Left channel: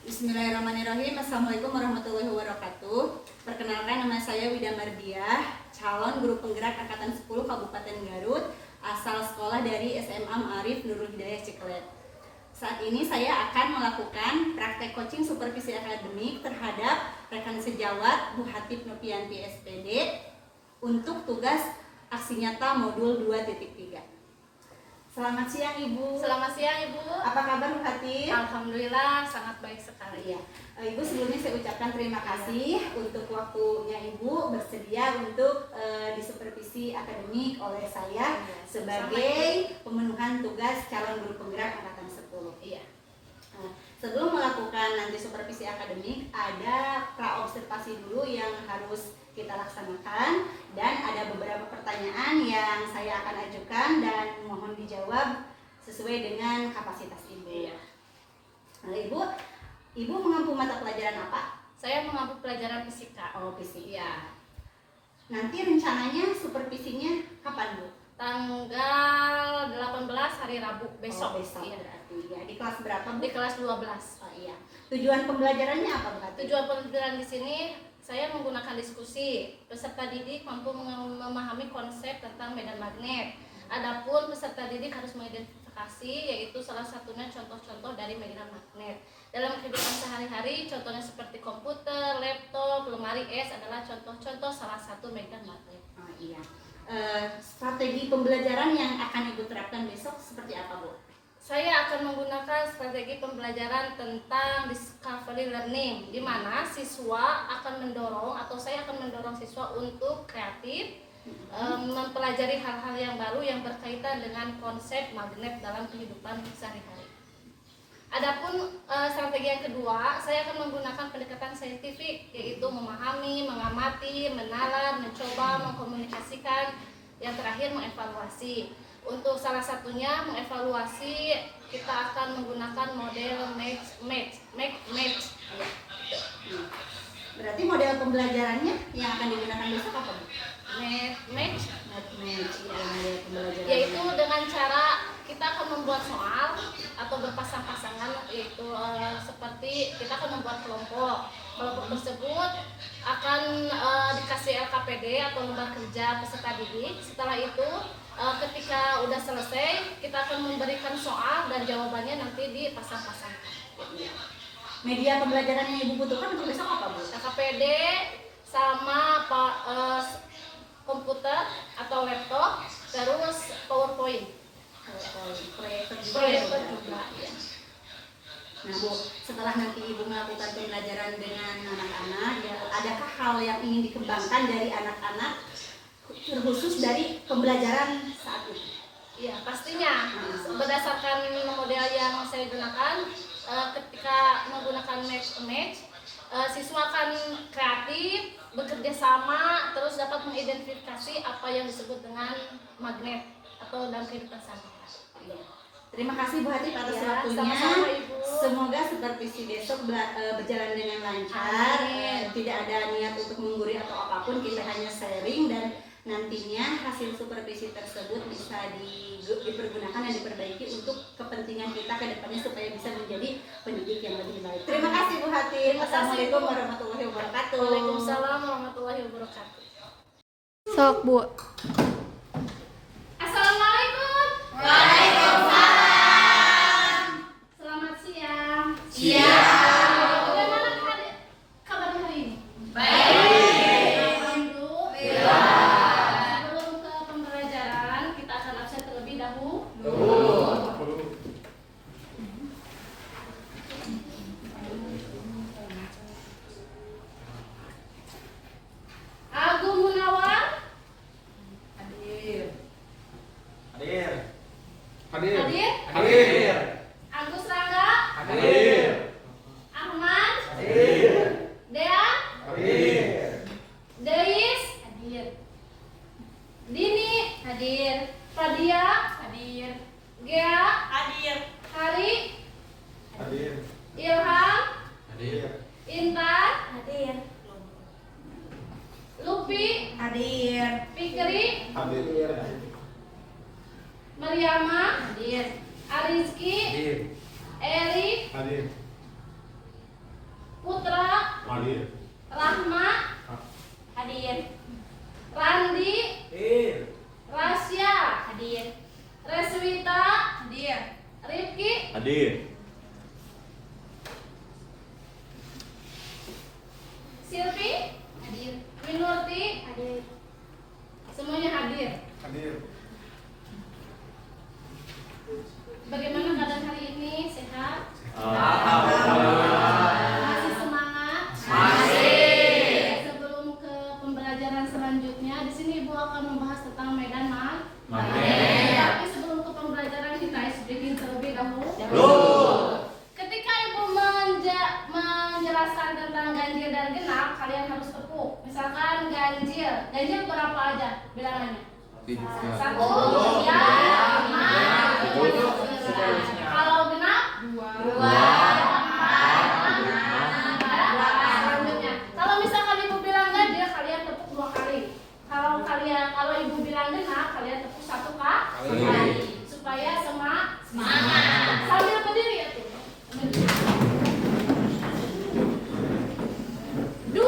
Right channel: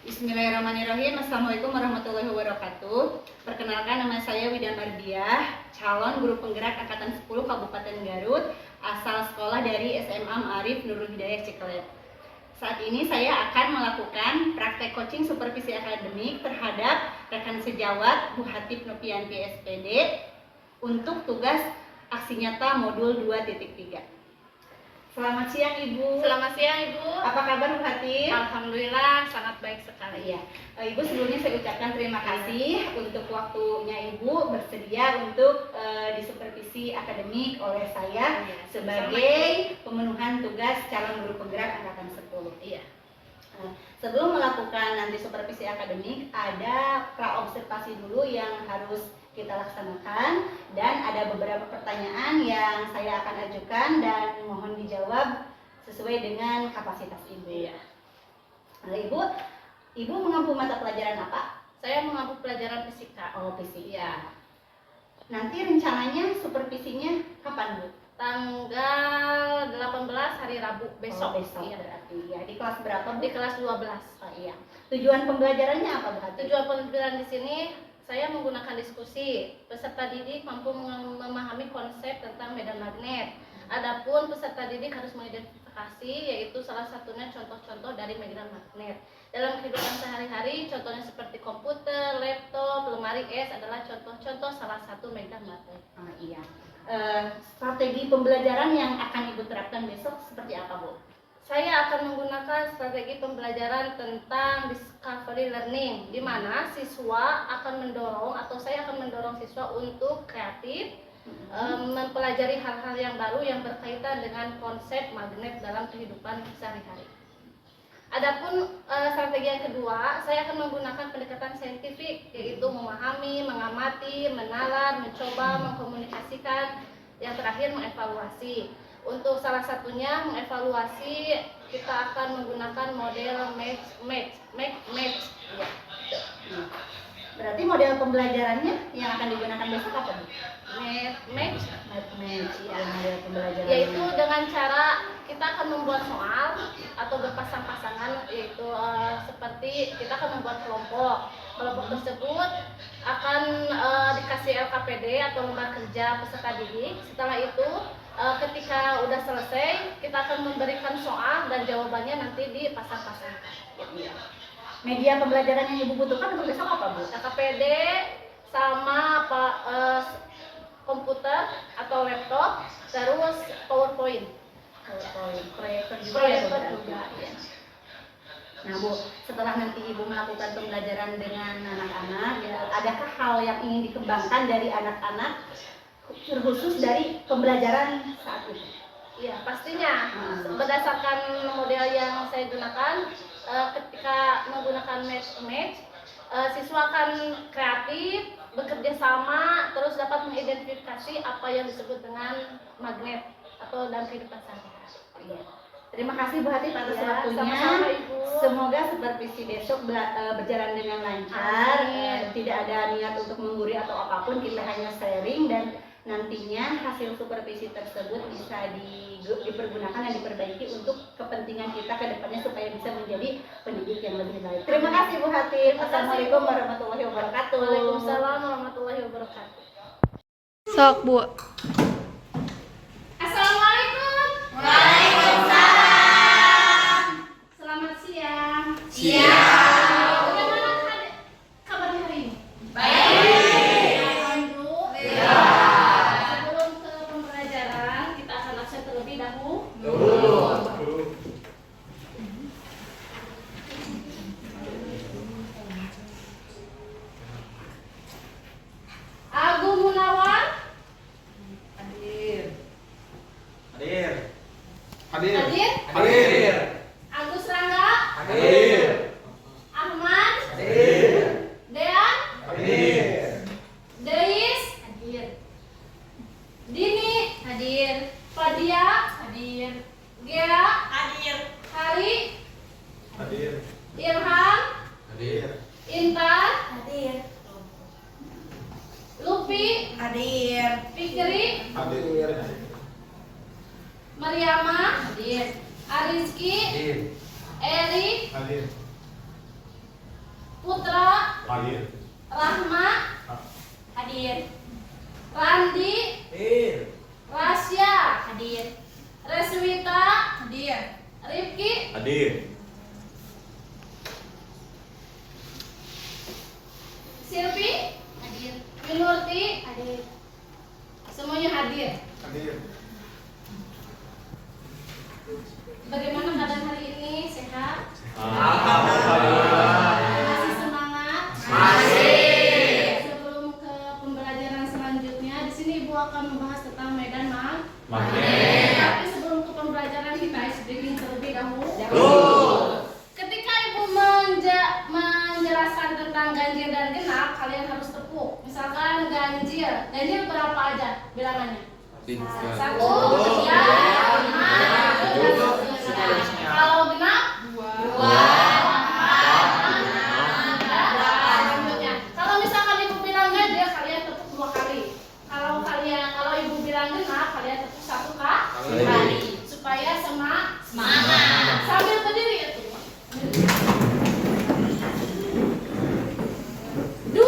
Bismillahirrahmanirrahim. Assalamualaikum warahmatullahi wabarakatuh. Perkenalkan, nama saya Wida Mardiah, calon guru penggerak Angkatan 10 Kabupaten Garut, asal sekolah dari SMA Ma'arif Nurul Hidayah Ciklet. Saat ini saya akan melakukan praktek coaching supervisi akademik terhadap rekan sejawat Bu Hatip Novianti SPD untuk tugas aksi nyata modul 2.3. Selamat siang Ibu. Selamat siang Ibu. Apa kabar Bu Hatip? Alhamdulillah sangat baik sekali. Ya, Ibu sebelumnya saya ucapkan terima kasih untuk waktunya Ibu bersedia untuk disupervisi akademik oleh saya sebagai pemenuhan tugas calon guru penggerak Angkatan 10. Iya. Sebelum melakukan nanti supervisi akademik, ada praobservasi dulu yang harus kita laksanakan, dan ada beberapa pertanyaan yang saya akan ajukan dan mohon dijawab sesuai dengan kapasitas Ibu. Iya. Nah, Ibu mengampu mata pelajaran apa? Saya mengampu pelajaran fisika. Oh, fisika. Iya. Nanti rencananya supervisinya kapan, Bu? Tanggal 18 hari Rabu besok. Oh, besok. Iya. Berarti ya. Di kelas berapa, Bu? Di kelas 12. Oh, iya. Tujuan pembelajarannya apa, Bu? Tujuan pembelajaran di sini saya menggunakan diskusi. Peserta didik mampu memahami konsep tentang medan magnet. Adapun peserta didik harus mengidentifikasi, yaitu salah satunya contoh-contoh dari medan magnet. Dalam kehidupan sehari-hari, contohnya seperti komputer, laptop, lemari es adalah contoh-contoh salah satu medan magnet. Oh, iya. Strategi pembelajaran yang akan Ibu terapkan besok seperti apa, Bu? Saya akan menggunakan strategi pembelajaran tentang discovery learning, di mana siswa akan mendorong atau saya akan mendorong siswa untuk kreatif, mempelajari hal-hal yang baru yang berkaitan dengan konsep magnet dalam kehidupan sehari-hari. Adapun strategi yang kedua, saya akan menggunakan pendekatan saintifik, yaitu memahami, mengamati, menalar, mencoba, mengkomunikasikan, yang terakhir mengevaluasi. Untuk salah satunya mengevaluasi, kita akan menggunakan model match. Ya. Berarti model pembelajarannya yang akan digunakan besok apa, Bu? Match. Ya, model pembelajaran. Yaitu dengan cara kita akan membuat soal atau berpasang-pasangan, yaitu seperti kita akan membuat kelompok. Kelompok tersebut akan dikasih LKPD atau lembar kerja peserta didik. Setelah itu ketika udah selesai, kita akan memberikan soal dan jawabannya nanti dipasang-pasangkan. Media pembelajaran yang Ibu butuhkan untuk besok apa, Bu? LKPD sama komputer atau laptop, terus PowerPoint. Proyektor juga. Ya. Nah, Bu, setelah nanti Ibu melakukan pembelajaran dengan anak-anak, adakah hal yang ingin dikembangkan dari anak-anak terkhusus dari pembelajaran saat ini? Iya, pastinya. Berdasarkan model yang saya gunakan, ketika menggunakan match, siswa akan kreatif, bekerja sama, terus dapat mengidentifikasi apa yang disebut dengan magnet atau dalam kehidupan sehari-hari. Terima kasih Bu Hatip atas waktunya. Sama-sama, Ibu. Semoga supervisi besok berjalan dengan lancar. Tidak ada niat untuk menggurui atau apapun, kita hanya sharing, dan nantinya hasil supervisi tersebut bisa dipergunakan dan diperbaiki untuk kepentingan kita ke depannya supaya bisa menjadi pendidik yang lebih baik. Terima kasih Bu Hatip. Assalamualaikum warahmatullahi wabarakatuh. Waalaikumsalam warahmatullahi wabarakatuh. Sok, Bu. Assalamualaikum. Waalaikumsalam. Selamat siang. Siang. Bagaimana kabarnya hari ini? Baik. Alhamdulillah. Sebelum ke pembelajaran, kita akan absen terlebih dahulu. Agung Munawar. Hadir. Agus Rangga. Ahmad. Dean. Deis. Dini. Fadia. Gea. Hari. Irham. Intan. Lupi. Fikri. Mariama. Arizki. Eri. Putra, Hadir. Rahma, Hadir. Randi, Rasya, Hadir. Reswita, Hadir. Rifki, Hadir. Silvi, Hadir. Minurti, Hadir. semuanya hadir. Bagaimana keadaan hari ini? Sehat? Masih semangat? Sebelum ke pembelajaran selanjutnya, di sini Ibu akan membahas tentang medan magnet. Tapi sebelum ke pembelajaran kita ice breaking terlebih dahulu. Ketika Ibu menjelaskan tentang ganjil dan genap, kalian harus tepuk. Misalkan ganjil berapa aja bilangannya? 1, 3, 5, 6. Kalau genap 2, 4, selanjutnya. Kalau misalkan Ibu bilang ganjil, kalian tepuk 2 kali. Kalau Ibu bilang genap, kalian tepuk 1 kali. Supaya semangat. Sambil berdiri ya tuh. 2,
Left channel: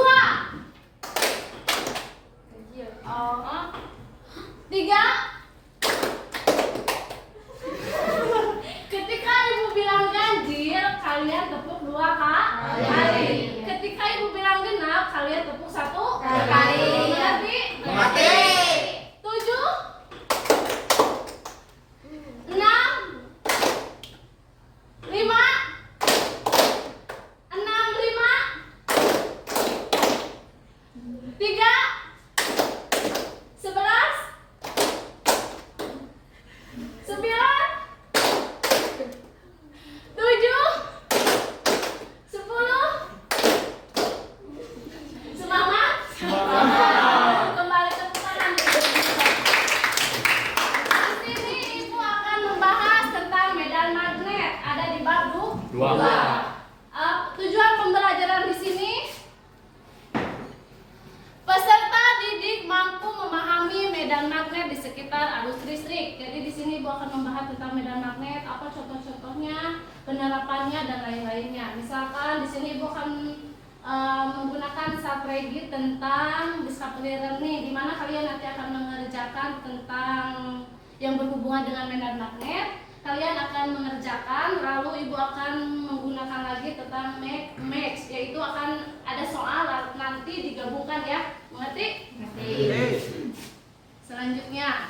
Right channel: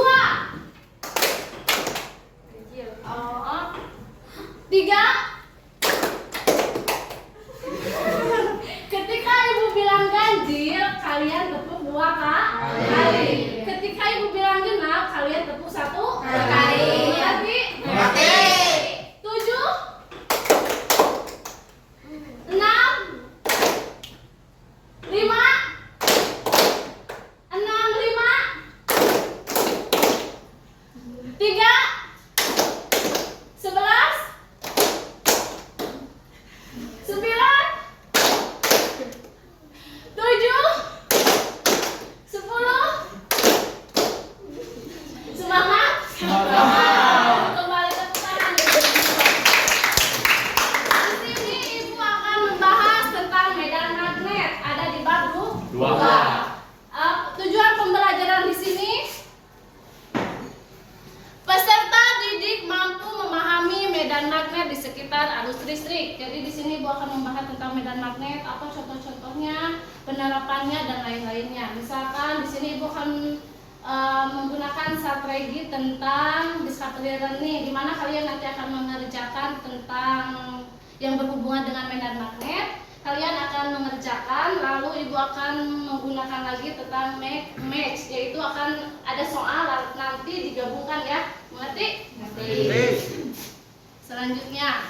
3. Ketika Ibu bilang ganjil, kalian tepuk 2 kali. Ketika Ibu bilang genap, kalian tepuk 1 kali. Berarti 7, 6, 5, 3, 11, 9, 7, 10. Semangat? Kembali tepuk tangan. Di sini Ibu akan membahas tentang medan magnet. Ada di bab 2. Tujuan pembelajaran di sini, peserta didik mampu memahami medan magnet di sekitar arus listrik. Jadi di sini Ibu akan membahas tentang medan magnet, apa contoh-contohnya, penerapannya dan lain-lainnya. Misalkan di sini Ibu akan menggunakan strategi tentang discovery learning, di mana kalian nanti akan mengerjakan tentang yang berhubungan dengan medan magnet. Kalian akan mengerjakan, lalu Ibu akan menggunakan lagi tentang match, yaitu akan ada soal nanti digabungkan ya. Mengerti? Selanjutnya,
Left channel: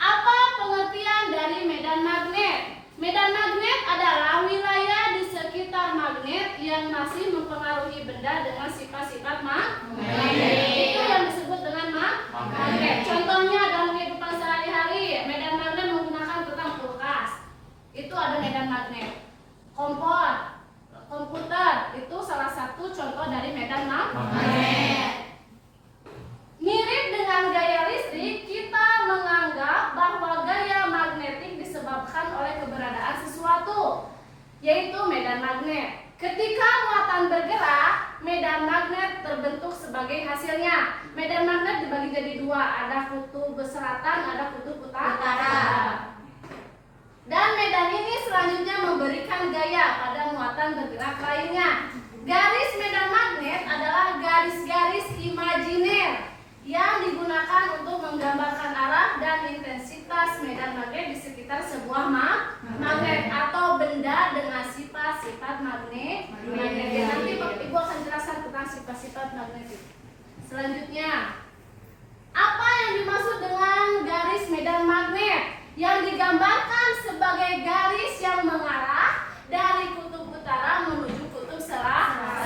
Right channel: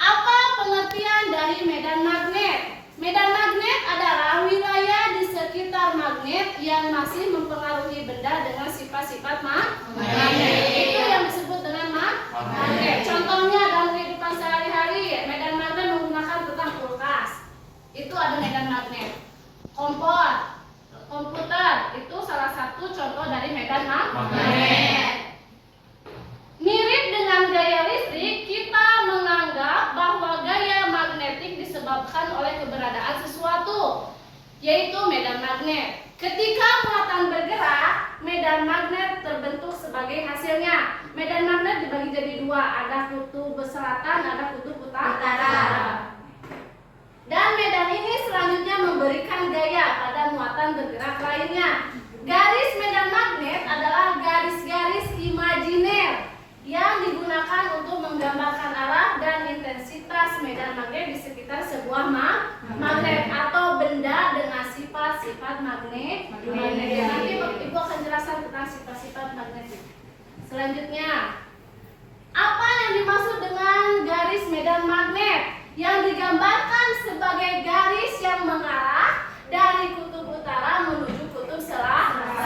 apa pengertian dari medan magnet? Medan magnet adalah wilayah di sekitar magnet yang masih mempengaruhi benda dengan sifat-sifat magnet. Itu yang disebut dengan magnet. Contohnya dalam kehidupan sehari-hari, medan magnet menggunakan tentang kulkas. Itu ada medan magnet. Kompor, komputer, itu salah satu contoh dari medan magnet. Mirip dengan gaya listrik, kita menganggap bahwa gaya magnetik disebabkan oleh keberadaan sesuatu, yaitu medan magnet. Ketika muatan bergerak, medan magnet terbentuk sebagai hasilnya. Medan magnet dibagi jadi 2, ada kutub selatan, ada kutub utara. Dan medan ini selanjutnya memberikan gaya pada muatan bergerak lainnya. Garis medan magnet adalah garis-garis imajiner yang digunakan untuk menggambarkan arah dan intensitas medan magnet di sekitar sebuah magnet atau benda dengan sifat-sifat magnet. Nanti Ibu akan jelaskan tentang sifat-sifat magnetik. Selanjutnya, apa yang dimaksud dengan garis medan magnet? Yang digambarkan sebagai garis yang mengarah dari kutub utara menuju kutub selatan.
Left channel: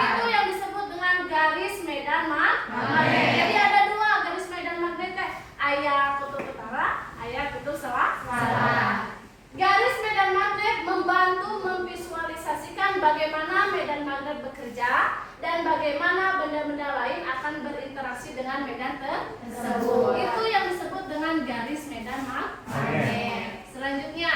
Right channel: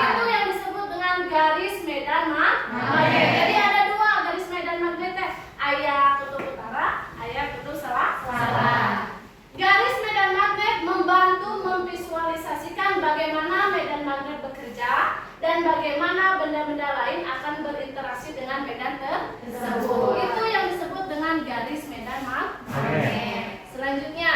Itu yang disebut dengan garis medan magnet. Jadi ada 2 garis medan magnet, ayah kutub utara, ayah kutub selatan. Garis medan magnet membantu memvisualisasikan bagaimana medan magnet bekerja dan bagaimana benda-benda lain akan berinteraksi dengan medan tersebut. Itu yang disebut dengan garis medan magnet. Selanjutnya,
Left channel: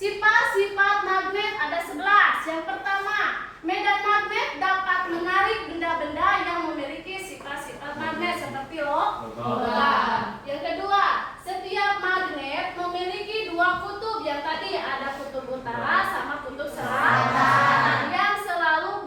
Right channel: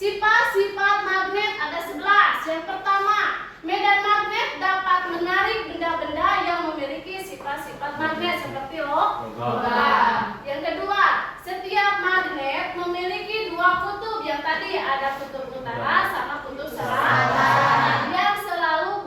sifat-sifat magnet ada 11. Yang pertama, medan magnet dapat menarik benda-benda yang memiliki sifat-sifat magnet seperti logam. Yang kedua, setiap magnet memiliki 2 kutub. Yang tadi ada kutub utara sama kutub selatan yang selalu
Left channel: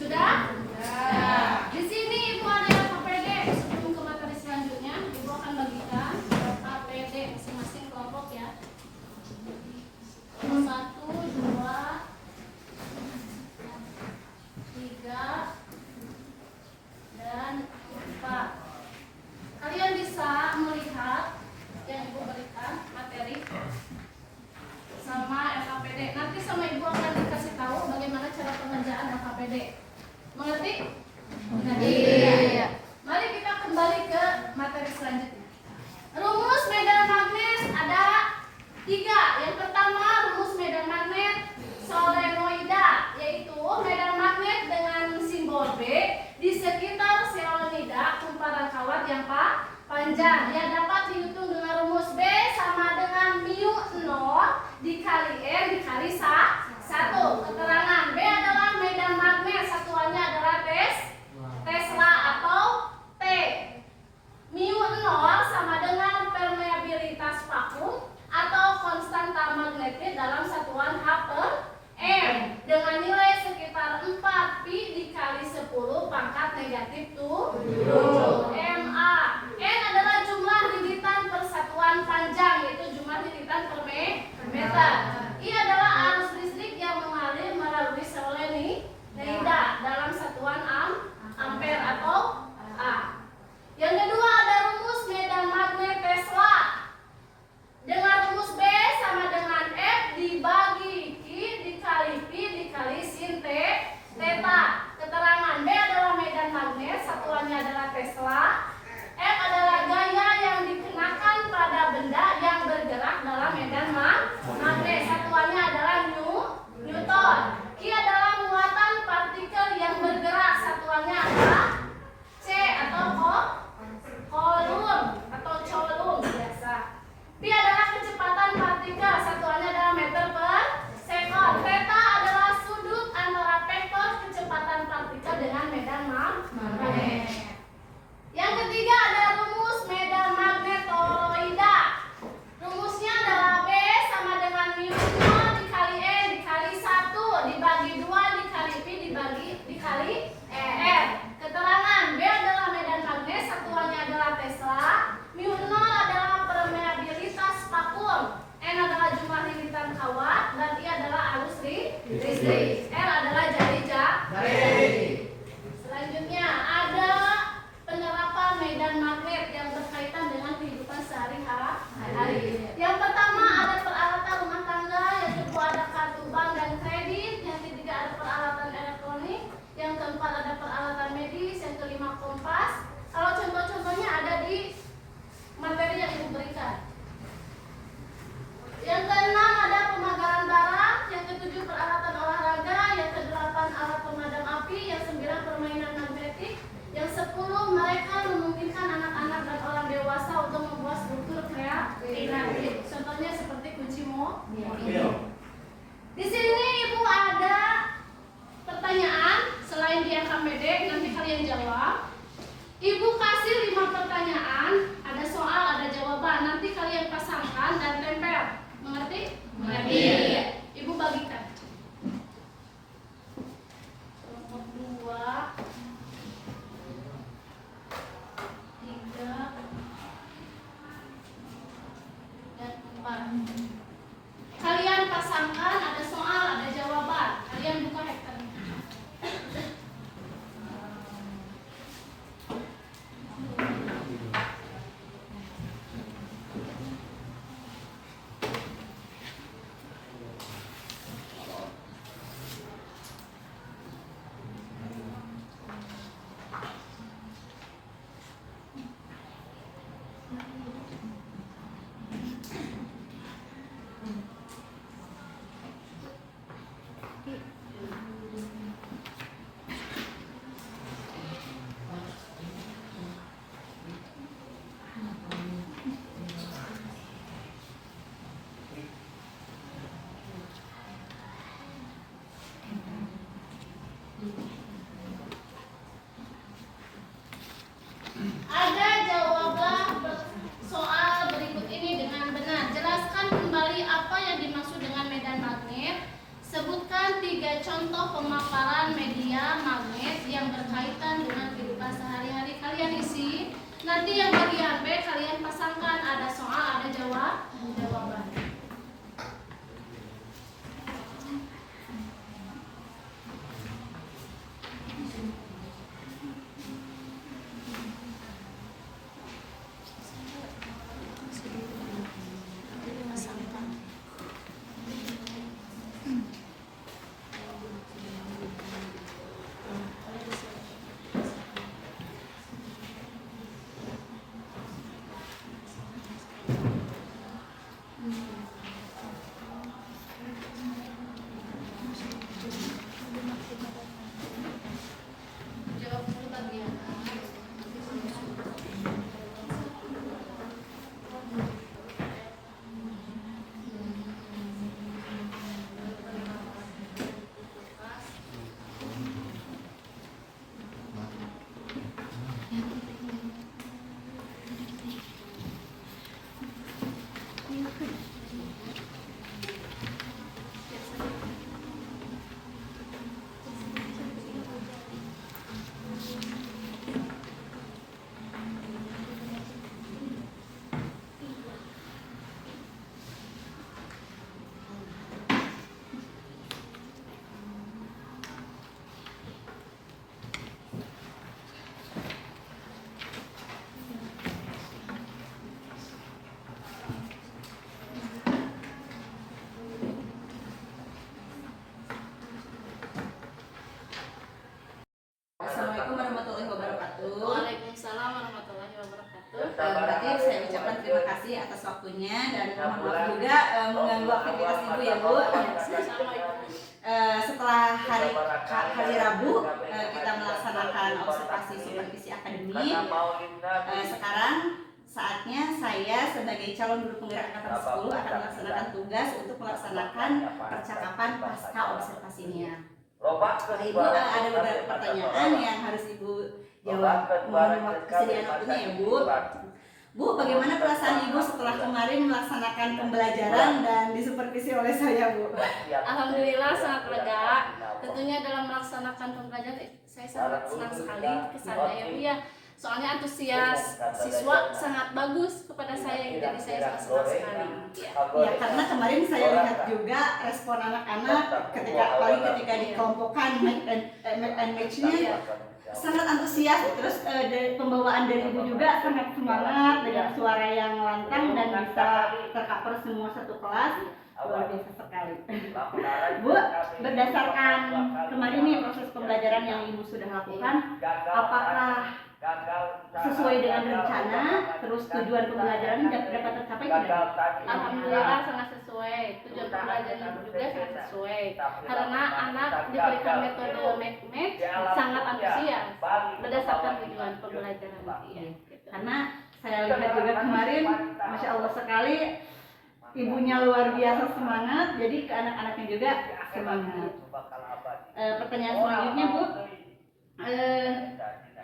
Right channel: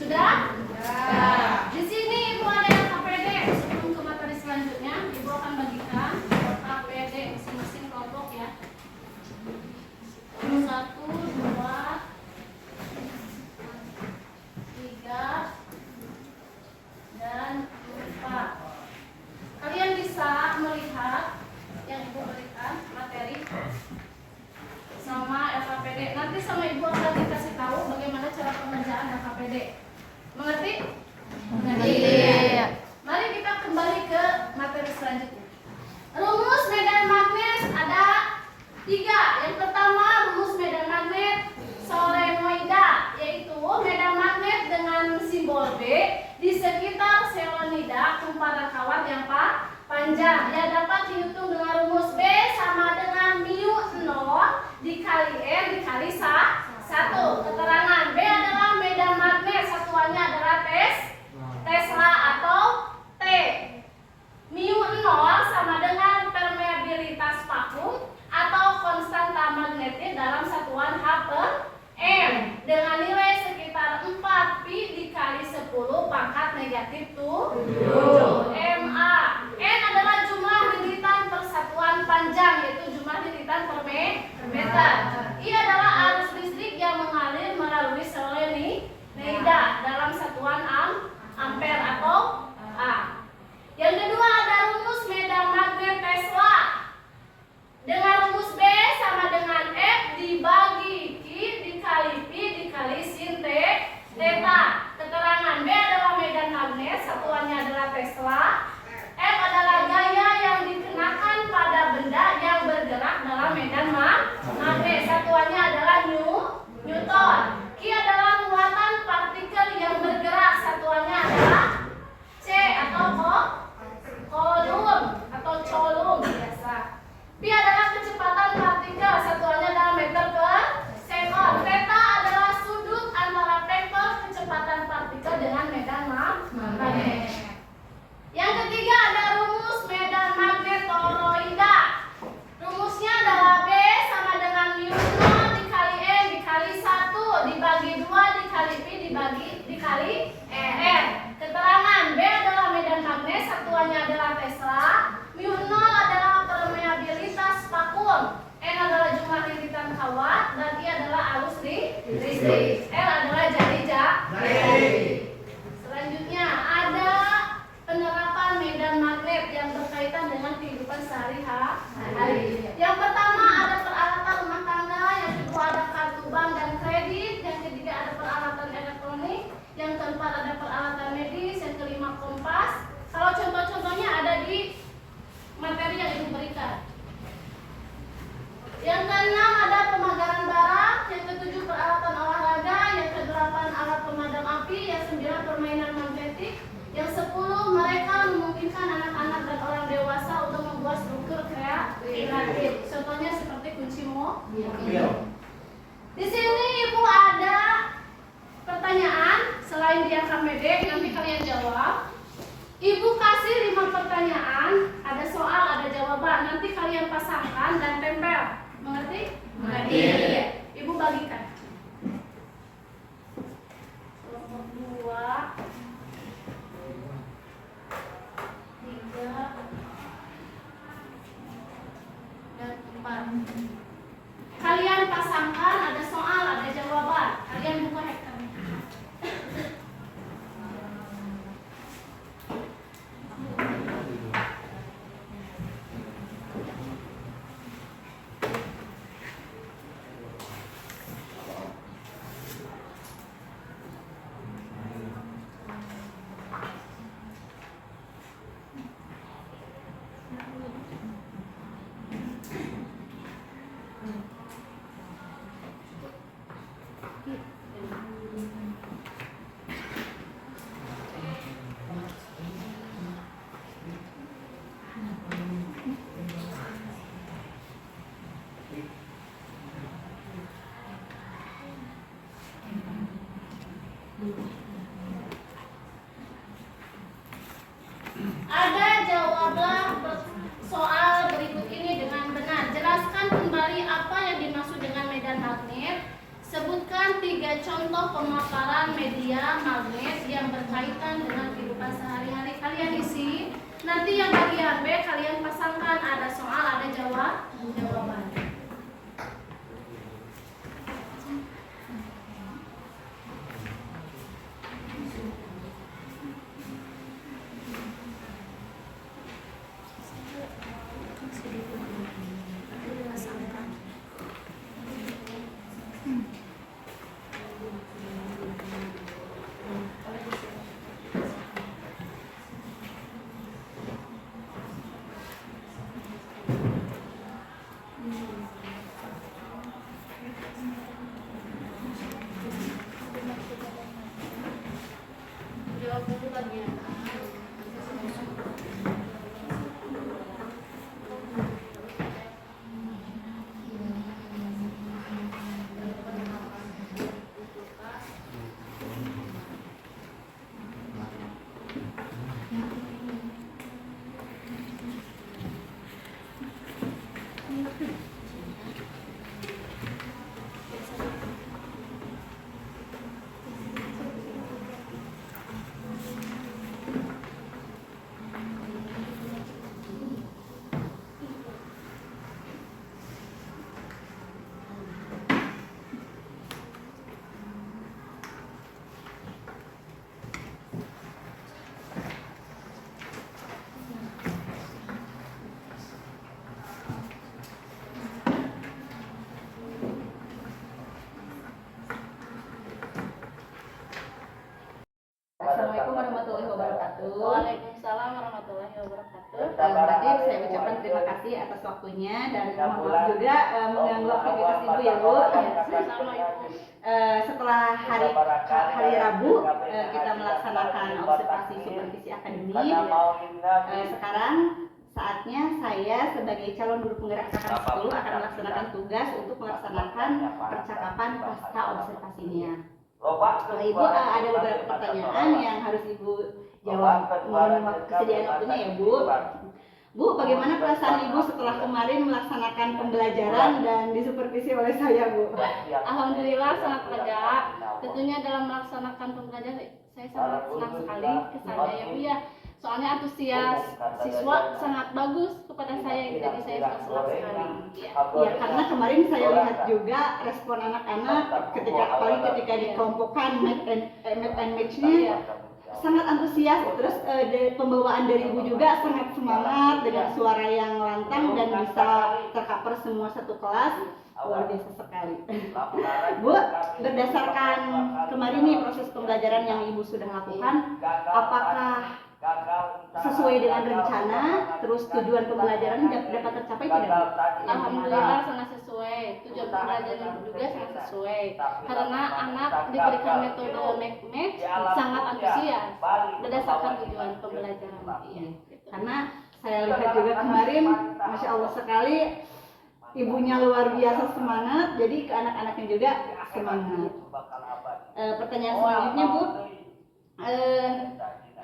Sudah? Di sini Ibu ada yang KPD. Sebelum ke materi selanjutnya, Ibu akan bagikan KPD masing-masing kelompok ya. 1, 2, 3, dan 4. Kalian bisa melihat yang Ibu berikan materi sama LKPD. Nanti sama Ibu akan dikasih tahu bagaimana cara pengerjaan LKPD. Mengerti? Mengerti. Mari kita kembali ke materi selanjutnya. Rumus medan magnet ada 3. Yang pertama rumus medan magnet solenoida, yaitu medan magnet dengan simbol B di sekitar selenoida kumparan kawat yang panjang. Ia dapat dihitung dengan rumus B sama dengan mu 0 dikali M dikali 1. Keterangan B adalah medan magnet, satuannya adalah Tesla atau T. Mu 0 sama dengan permeabilitas vakum atau konstanta magnetik dalam satuan H per M dengan nilai sekitar 4 pi dikali 10 pangkat negatif 7 MA. N adalah jumlah lilitan persatuan panjang, yaitu jumlah lilitan per meter. I adalah arus listrik yang mengalir melalui solenoida dalam satuan ampere atau A. Yang kedua ada rumus medan magnet Tesla dengan rumus B sama dengan F dibagi Q dikali P dikali sin theta. Keterangan B adalah medan magnet, satuannya adalah Tesla. F adalah gaya yang dikenakan pada benda yang bergerak dalam medan magnet, satuannya adalah Newton. Q adalah muatan partikel yang bergerak, satuannya adalah C atau coulomb biasa. P adalah kecepatan partikel, satuannya adalah meter per sekon. Theta adalah sudut antara vektor kecepatan partikel dengan medan magnet. Yang ketiga ada rumus medan magnet toroida. Rumusnya adalah B sama dengan mu 0 dikali N dikali 1 dibagi 2 dikali P dikali R. Keterangan B adalah medan magnet, satuannya adalah Tesla. Mu 0 adalah permeabilitas vakum. N adalah jumlah lilitan kawat dan I adalah arus listrik. R adalah jari. Selanjutnya ada penerapan medan magnet yang berkaitan dengan kehidupan sehari-hari. Yang pertama ada peralatan rumah tangga, yang kedua ada kartu bank dan kredit, yang ketiga ada peralatan elektronik, yang keempat ada peralatan medis, yang kelima kompas. Kalau contoh-contohnya ada di materi yang Ibu berikan. Yang keenam ada pemagaran barang, yang ketujuh peralatan olahraga, yang kedelapan alat pemadam api, yang 9 permainan magnetik, yang 10 mereka memungkinkan anak-anak dan orang dewasa untuk membuat struktur kreatif. Contohnya seperti kunci mobil. Di sini Ibu ada pertanyaan selain di KPD, nanti kalian jawab. Ibu kasih 5 pertanyaan, ada soal, ada jawaban. Nanti kalian pasangkan dan tempel. Mengerti? Mengerti. Ibu bagikan. Kelompok 2, 3, dan 4. Kalian pasangkan, ada soal, ada jawaban. Kalian buka hektarnya. contoh pemaparan media magnet yang berkaitan dengan kehidupan sehari-hari. Kalian isi. Nanti yang bagian B kalian pasangkan, ada soal, ada jawaban. Jawab dulu bagian A. Assalamualaikum warahmatullahi wabarakatuh. Waalaikumsalam warahmatullahi wabarakatuh. Berarti saya ucapkan terima kasih atas waktunya dan mohon maaf juga mengganggu aktivitas ibu ya bu. Sama Ibu. Setelah hari Rabu kita melaksanakan observasi supervisi akademik. Sekarang saatnya saya sebagai calon guru penggerak angkatan 10 akan melaksanakan tugas untuk melaksanakan percakapan pasca observasinya. Kalau ibu ada beberapa pertanyaan yang harus ibu jawab. Mohon kesediaan waktunya ya bu. Bu, bagaimana perasaan ibu setelah kemarin melaksanakan pembelajaran dan disupervisi oleh saya bu? Alhamdulillah sangat lega. Tentunya dalam melaksanakan pembelajaran saya sangat senang sekali kesannya ya Bu ya. Soalnya antusias siswa sangat bagus kepada saya, jadi saya sangat senang sekali. Ya, karena kemarin saya lihat juga respon anak-anak ketika dikelompokkan make and match-nya sangat antusias. Terus dari pembawaan dari ibu juga sangat semangat dengan suara yang lantang dan bisa tercover semua satu kelas. Luar biasa sekali. Bu, berdasarkan kemarin nih proses pembelajaran yang ibu sudah lakukan, apakah sesuai dengan rencana, terus tujuan pembelajaran dapat tercapai tidak? Alhamdulillah sangat sesuai. Tujuan pembelajaran juga sangat sesuai. Karena anak diberikan metode make match sangat antusias berdasarkan tujuan pembelajaran. Iya. Karena saya lihat juga kemarin, masya Allah sekali, ibunya luar biasa semangat, jadi ke anak-anaknya juga semangat. Pertanyaan selanjutnya Bu,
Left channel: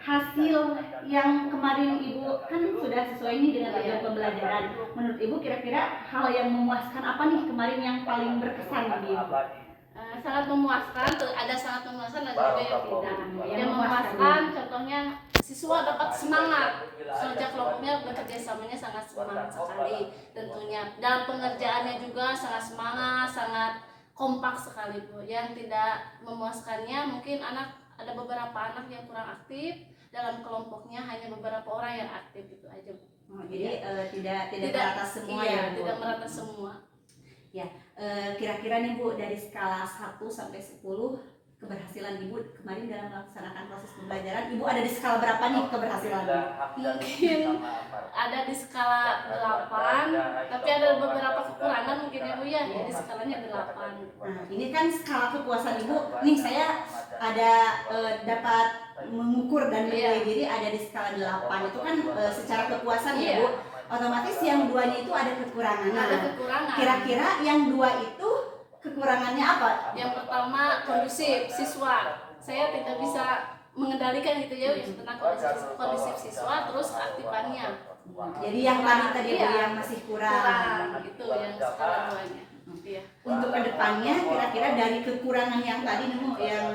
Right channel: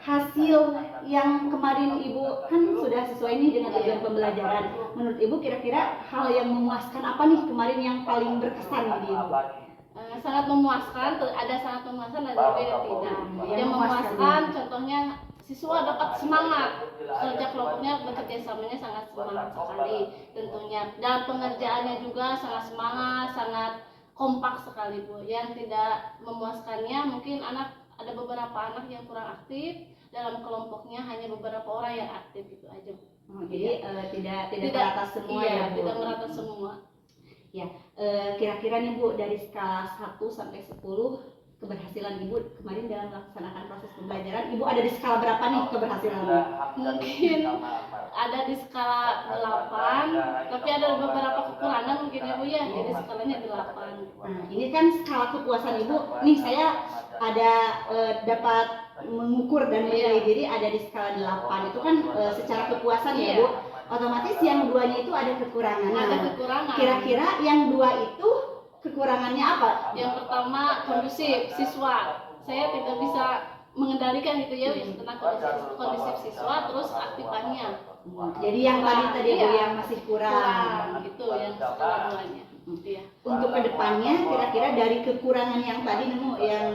hasil yang kemarin ibu kan sudah sesuai nih dengan tujuan pembelajaran. Menurut ibu kira-kira hal yang memuaskan apa nih kemarin yang paling berkesan di ibu? Sangat memuaskan, ada sangat memuaskan dan juga yang tidak. Yang memuaskan contohnya siswa dapat semangat sejak kelompoknya bekerja samanya sangat semangat sekali tentunya, dan pengerjaannya juga sangat semangat, sangat kompak sekali Bu. Yang tidak memuaskannya mungkin ada beberapa anak yang kurang aktif dalam kelompoknya, hanya beberapa orang yang aktif gitu aja Bu. Jadi tidak merata semua iya, ya Bu? Tidak merata semua. Ya, kira-kira nih Bu, dari skala 1 sampai 10 keberhasilan ibu kemarin dalam melaksanakan proses pembelajaran, ibu ada di skala berapa nih keberhasilannya? Mungkin ada di skala 8, tapi ada beberapa kekurangan mungkin ya Bu ya, jadi skalanya 8. Nah, ini kan skala kepuasan ibu, nih saya ada dapat mengukur dan menilai diri ada di skala 8, itu kan secara kepuasan ya Bu. Otomatis yang duanya itu ada kekurangan. Ada kekurangan. Kira-kira yang dua itu kekurangannya apa? Yang pertama kondusif siswa. Saya tidak bisa mengendalikan gitu ya tentang kondusif siswa, terus keaktifannya. Jadi yang tadi Bu Iya. yang masih kurang. Itu yang skala 2-nya. Iya. Untuk kedepannya kira-kira dari kekurangan yang tadi nemu yang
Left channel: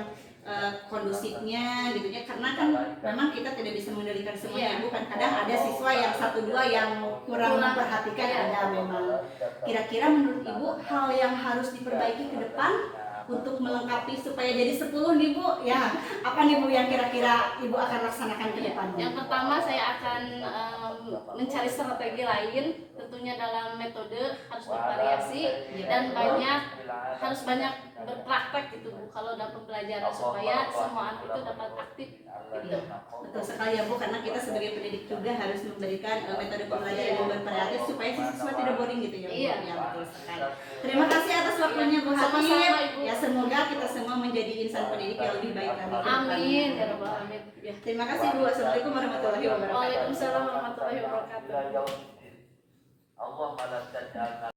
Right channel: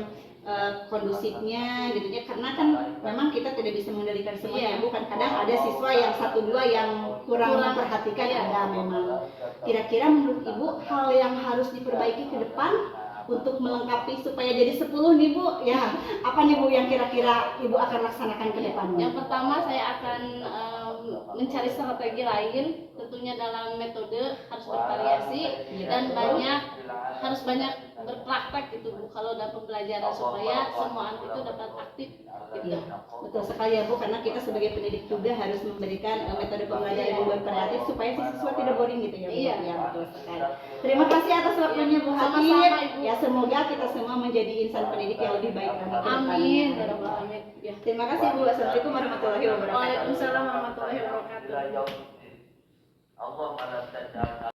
kondusifnya gitu ya, karena kan memang kita tidak bisa mengendalikan semuanya. Iya. Bukan kadang ada siswa yang 1-2 yang kurang memperhatikan, iya. ada memang. Kira-kira menurut Ibu hal yang harus diperbaiki ke depan untuk melengkapi supaya jadi 10 nih Bu, ya apa nih Bu yang kira-kira Ibu akan laksanakan ke depannya? Yang pertama saya akan mencari strategi lain, tentunya dalam metode harus bervariasi dan harus banyak berpraktek gitu Bu kalau dalam pembelajaran supaya semua anak itu dapat aktif gitu. Betul sekali ya Bu, karena kita sebagai pendidik juga harus memberikan metode pembelajaran yang bervariatif supaya siswa tidak boring gitu ya Bu. Iya. Ya, betul sekali. Terima kasih atas waktunya Bu Hatip. Sama-sama, Ibu. Ya semoga kita semua menjadi insan pendidik yang lebih baik lagi ke depannya. Amin, ya rabbal alamin. Ya. Terima kasih Bu. Assalamualaikum warahmatullahi wabarakatuh. Waalaikumsalam warahmatullahi wabarakatuh.